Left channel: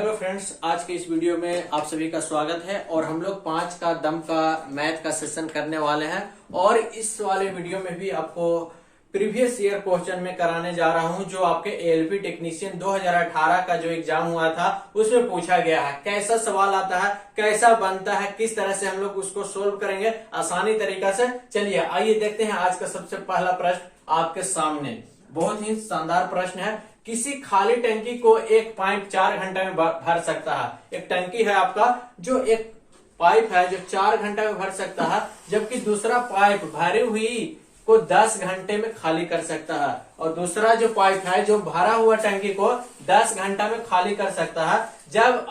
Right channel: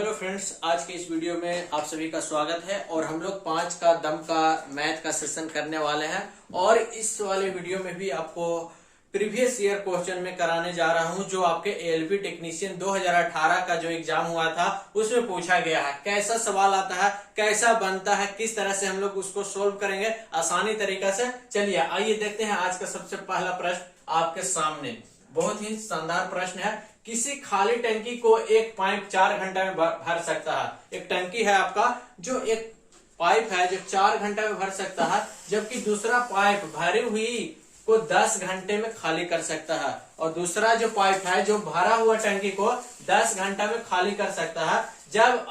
Hello friends, आज के इस वीडियो में आप सभी का स्वागत है। और हम लोग 5 का दम का मैथ का सेशन करने वाले हैं। और इस वाले वीडियो में भी आपको प्रीवियस ईयर क्वेश्चन में कराने जा रहा हूं, जो आपके एएलपी टेक्नीशियन 2018 का जो एग्जाम हुआ था उसमें पूछा गया है। कैसा सवाल आता है, कैसा बनता है, किस तरह से हम लोग उसको सोल्व करेंगे आसानी तरीका से। चलिए आइए देखते हैं आज का सबसे पहला प्रश्न आपके सामने। बहुत ही शानदार प्रश्न है। किसी खाली टंकी को एक पाइप 4 घंटे में भर सकता है। एक टंकी है आपका, जो एक पाइप है जो 4 घंटे में भर सकता है, जबकि दूसरा पाइप भरी हुई को 10 घंटे में खाली कर सकता है। और दूसरा जो पाइप है जो भरा हुआ टंकी को 10 घंटा में खाली कर सकता है। जब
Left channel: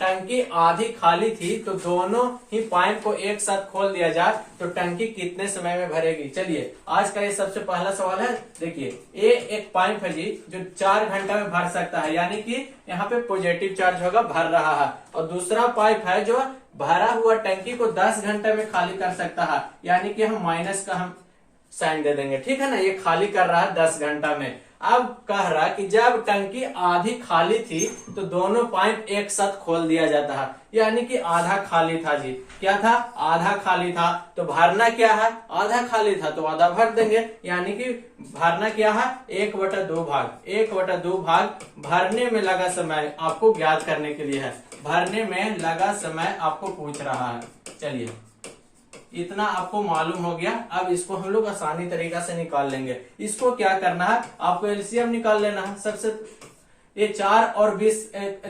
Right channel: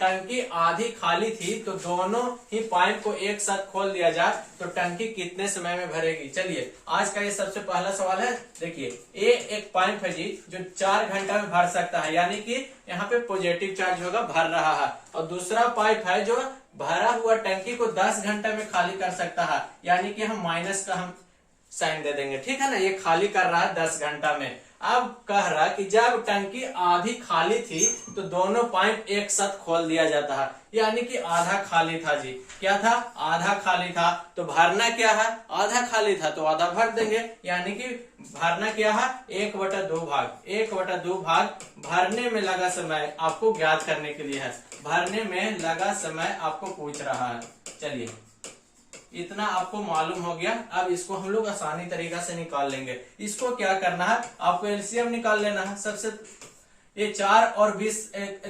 टंकी आधी खाली थी तो दोनों ही पाइप को एक साथ खोल दिया जाए तो टंकी कितने समय में भरेगी। चलिए आज का ये सबसे पहला सवाल है। देखिए ये एक पाइप है जी, जो 4 घंटा में भर सकता है, यानी कि यहाँ पे पॉजिटिव चार्ज होगा, भर रहा है। और दूसरा पाइप है जो भरा हुआ टंकी को 10 घंटे में खाली कर सकता है, यानी कि हम माइनस का हम साइन दे देंगे, ठीक है ना। ये खाली कर रहा है 10 घंटा में। अब कह रहा कि जब टंकी आधी खाली थी तो दोनों पाइप एक साथ खोल दिया जाता है, यानी कि आधा खाली था जी। क्या था? आधा खाली था। तो भरना क्या है? आधा खाली था तो आधा भर देंगे, यानी कि भरना क्या है? 1/2 भाग। 1/2 भाग भरने में लगा समय आपको ज्ञात करने के लिए है। भरने में लगा समय आपको पूछ रहा है। चलिए इतना आपको मालूम हो गया। अब इसको हम लोग आसानी तरीका से निकाल लेंगे। इसको क्या करना है, आपको एलसीएम निकाल लेना है। सबसे ये 4 और 20,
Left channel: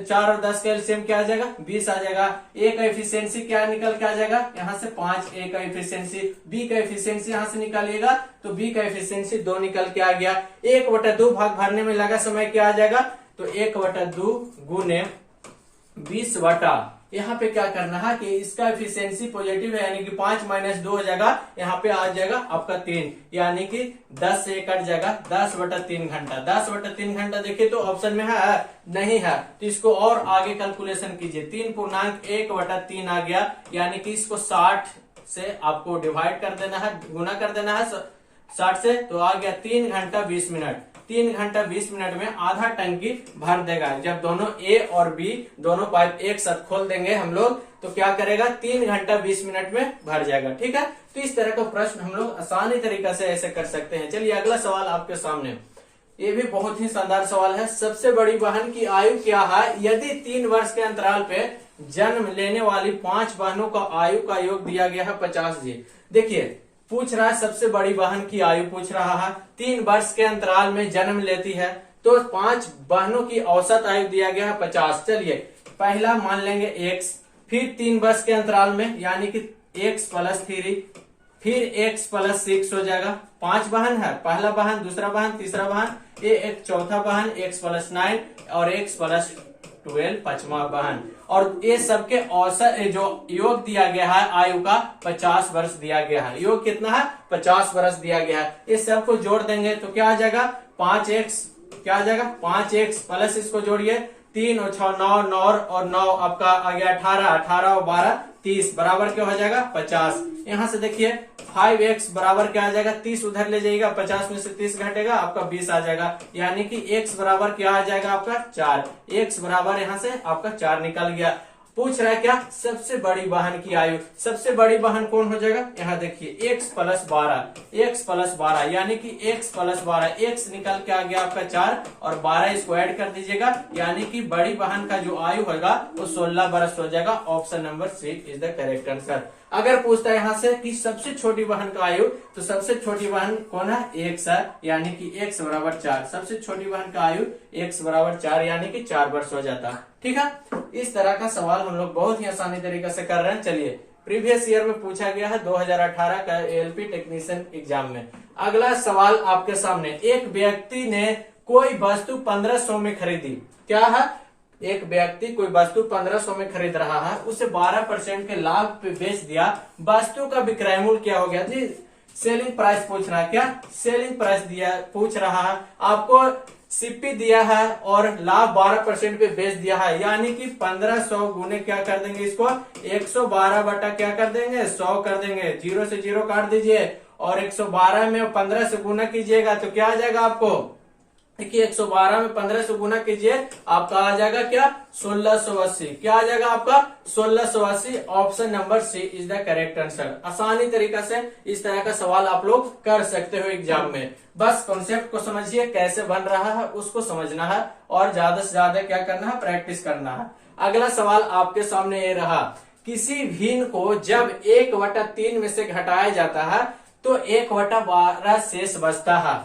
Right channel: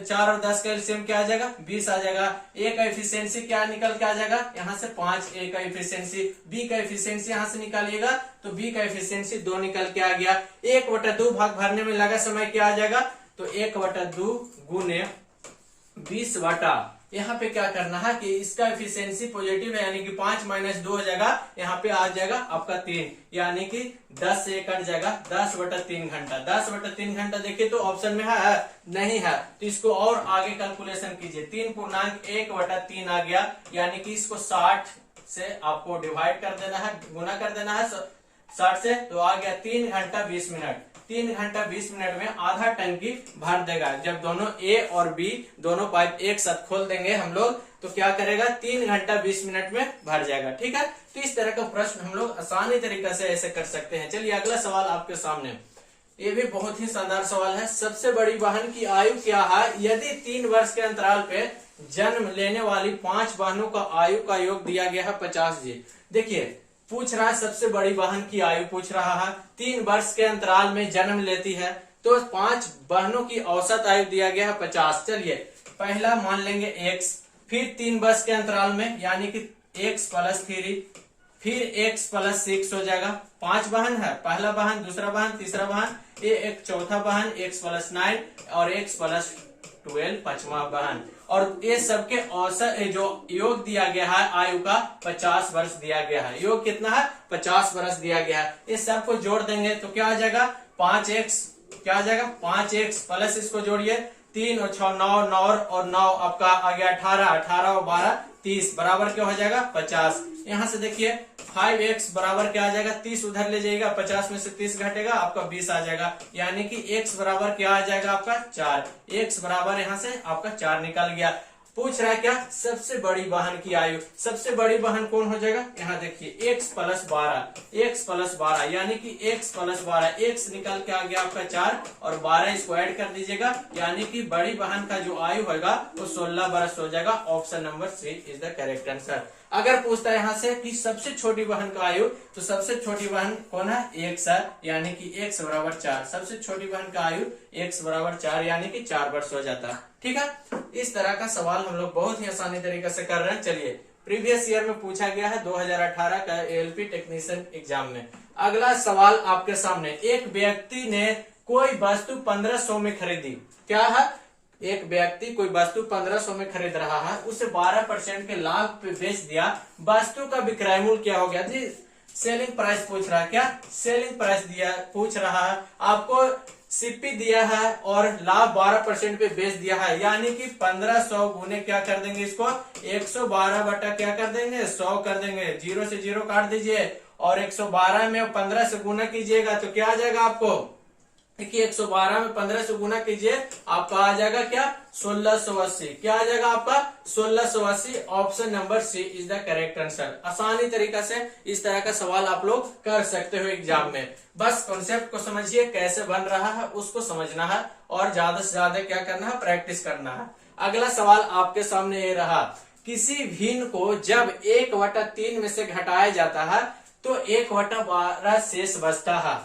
4 और 10 का एलसीएम क्या आ जाएगा? 20 आ जाएगा। ए का एफिशिएंसी क्या निकल के आ जाएगा? यहाँ से 5 ए का एफिशिएंसी। बी का एफिशिएंसी यहाँ से निकालिएगा तो बी का एफिशिएंसी 2 निकल के आ गया। 1/2 भाग भरने में लगा समय क्या आ जाएगा? तो 1/2 गुने 20 यहाँ पे क्या करना है कि इसका एफिशिएंसी पॉजिटिव है, यानी कि 5 - 2 हो जाएगा। यहाँ पे आ जाएगा आपका 3, यानी कि 10 से कट जाएगा। 10/3 घंटा। 10/3 घंटा देखिए तो ऑप्शन में है नहीं है, तो इसको और आगे कैलकुलेशन कीजिए। 3.1/3 आ गया, यानी कि इसको 60 से आपको डिवाइड कर देना है, गुना कर देना है 60 से, तो आ गया 3 घंटा 20 मिनट। 3 घंटा 20 मिनट में आधा टंकी भर देगा। जब दोनों ए और बी दोनों पाइप एक साथ खोल देंगे हम लोग तो क्या करेगा? 3 घंटा 20 मिनट में भर जाएगा, ठीक है। तो इस तरह का प्रश्न हम लोग आसानी तरीका से ऐसे कर सकते हैं। चलिए अगला सवाल आपके सामने। ये भी बहुत ही शानदार सवाल है। सबसे बड़ी बहन की आयु क्या है यदि 3 वर्ष के अंतराल पे जन्म लेने वाली 5 बहनों का आयु का योग दिया गया है 50 जी। देखिए पूछ रहा है सबसे बड़ी बहन की आयु पूछ रहा है। 3 वर्ष के अंतराल में जन्म लेती है तो 5 बहनों की औसत आयु दिया गया है 50। चलिए पहला मान लेंगे x, फिर 3 वर्ष के अंतराल में यानी कि x + 3, फिर x + 6 हो जाएगा। 5 बहन है, पहला बहन, दूसरा बहन, तीसरा बहन, ये एक चौथा बहन, x + 9 और x + 12 5वां बहन। और ये सबके औसत जो योग दिया गया है आयु का 50 वर्ष दिया गया है। योग कितना है? 50 वर्ष दिया गया है। ये सबको जोड़ देंगे तो क्या आ जाएगा? 5x क्या आ जाएगा? 5x प्लस इसको जोड़िए 3 और 6 9 9 और 9 आपका आ गया 18, 18 और 12 30 बराबर क्या हो जाएगा? 50। यहाँ से देखिए 5x बराबर क्या आ जाएगा? 30 उधर ले जाइएगा, 50 में से 30 घटेगा, आपका 20 आ जाएगा। यानी कि x बराबर क्या आ जाएगा? आपका 4। x बराबर यहाँ से आपका 4 निकल गया। पूछ रहा है क्या? सबसे बड़ी बहन की आयु। सबसे बड़ी बहन कौन हो जाएगा? यहाँ देखिए x + 12, x + 12 यानी कि x + 12, x निकल के आ गया आपका 4 और 12 इसको ऐड कर दीजिएगा, यानी कि बड़ी बहन का जो आयु होगा वो 16 वर्ष हो जाएगा। Option number C is the correct answer. अगर पूछता है यहाँ से कि सबसे छोटी बहन का आयु, तो सबसे छोटी बहन कौन है? x है, यानी कि x = 4। सबसे छोटी बहन का आयु x = 4 यानी कि 4 वर्ष हो जाता है, ठीक है। इस तरह का सवाल हम लोग बहुत ही आसानी तरीके से कर रहे हैं। चलिए प्रीवियस ईयर में पूछा गया है 2018 का एएलपी टेक्नीशियन एग्जाम में। अगला सवाल आपके सामने। एक व्यक्ति ने कोई वस्तु 1500 में खरीदी। क्या है? एक व्यक्ति कोई वस्तु 1500 में खरीद रहा है, उसे 12% के लाभ पे बेच दिया। वस्तु का विक्रय मूल्य क्या हो गया जी? सेलिंग प्राइस पूछ रहा है। क्या? सेलिंग प्राइस दिया पूछ रहा है। आपको सीपी दिया है और लाभ 12% पे बेच दिया है, यानी कि 1500 गुने क्या कर देंगे इसको? 112 बटा क्या कर देंगे? 100 कर देंगे। 0 से 0 काट दीजिए और 112 में 15 से गुना कीजिएगा तो क्या आ जाएगा आपको? देखिए 112 में 15 से गुना कीजिए, आपका आ जाएगा क्या 1680। क्या आ जाएगा आपका 1680। Option number C is the correct answer. आसानी तरीका से इस तरह का सवाल आप लोग कर सकते हो एग्जाम में। बस कॉन्सेप्ट को समझिए, कैसे बन रहा है उसको समझना है और ज्यादा से ज्यादा क्या करना है, प्रैक्टिस करना है। अगला सवाल आपके सामने ये रहा, किसी भिन्न को जब 1/3 में से घटाया जाता है तो 1/12 शेष बचता है।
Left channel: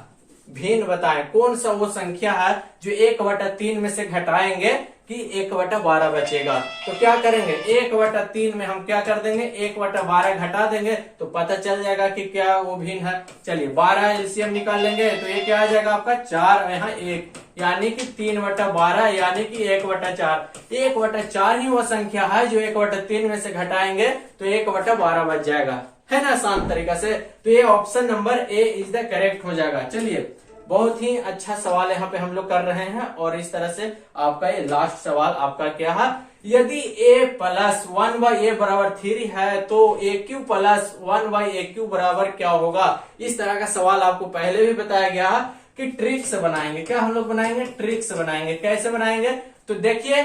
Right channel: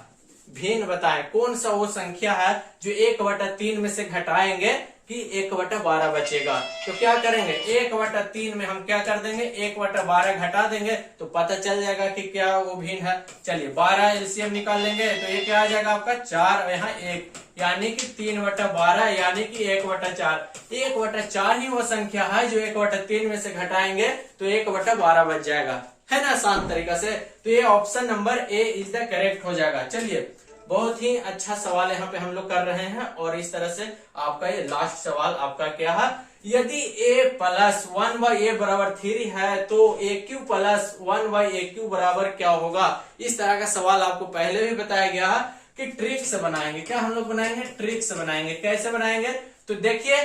भिन्न बताएं, कौन सा वो संख्या है जो 1/3 में से घटाएंगे कि 1/12 बचेगा। तो क्या करेंगे, 1/3 में हम क्या कर देंगे, 1/12 घटा देंगे तो पता चल जाएगा कि क्या वो भिन्न है। चलिए 12 एलसीएम निकाल लेंगे तो ये क्या आ जाएगा आपका 4, यहाँ 1, यानी कि 3/12 यानी कि 1/4। 1/4 ही वो संख्या है जो 1/3 में से घटाएंगे तो 1/12 बच जाएगा, है ना, आसान तरीका से। तो ये option number A is the correct हो जाएगा। चलिए बहुत ही अच्छा सवाल यहाँ पे हम लोग कर रहे हैं और इस तरह से आपका ये लास्ट सवाल आपका क्या है, यदि a प्लस 1/a बराबर 3 है तो aq प्लस 1/aq बराबर क्या होगा। इस तरह का सवाल आपको पहले भी बताया गया कि ट्रिक से बनाएंगे। क्या हम लोग बनाएंगे, ट्रिक से बनाएंगे। कैसे बनाएंगे, तो देखिए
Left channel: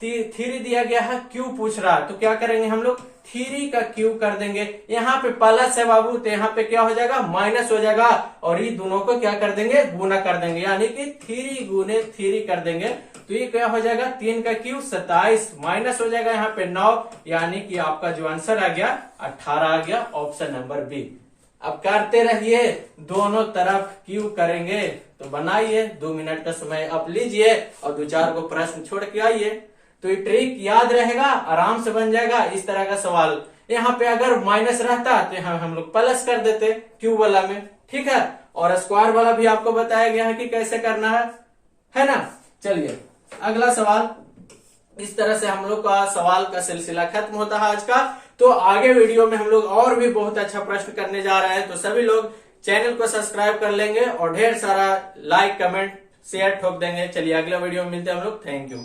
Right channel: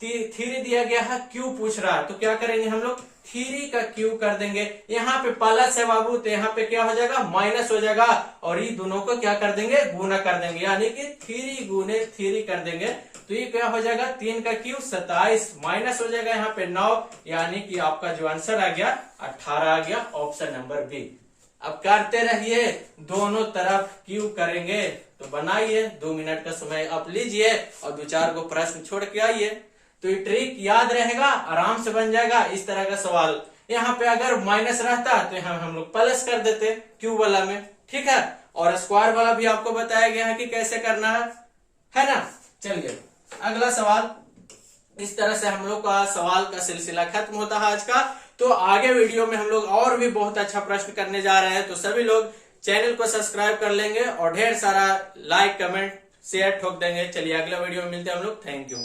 3 दिया गया है, क्यू पूछ रहा है तो क्या करेंगे हम लोग 3 का क्यू कर देंगे। यहाँ पे प्लस है बाबू तो यहाँ पे क्या हो जाएगा माइनस हो जाएगा और ये दोनों को क्या कर देंगे, गुना कर देंगे, यानी कि 3 गुने 3 कर देंगे तो ये क्या हो जाएगा 3 का क्यू 27, माइनस हो जाएगा यहाँ पे 9, यानी कि आपका जो आंसर आ गया 18 आ गया, ऑप्शन नंबर बी। अब करते रहिए, दोनों तरफ क्यू करेंगे तो बनाइए। 2 मिनट का समय आप लीजिए और 2-4 को प्रश्न छोड़ के आइए तो ये ट्रिक याद रहेगा, आराम से बन जाएगा इस तरह का सवाल। यहाँ पे अगर माइनस रहता तो यहाँ हम लोग प्लस कर देते क्यू वाला में, ठीक है। और स्क्वायर वाला भी आपको बताया गया है कि कैसे करना है ना। चलिए अगला सवाल, इस तरह से हम लोग का सवाल का सिलसिला खत्म होता है आज का। तो आगे वीडियो में हम लोग और भी बहुत अच्छा प्रश्न करने जा रहे हैं, तो सभी लोग चैनल को सब्सक्राइब कर लेंगे और ढेर सारा लाइक कमेंट शेयर ठोक देंगे। चलिए अगला वीडियो में मिलते हैं हम लोग, थैंक यू।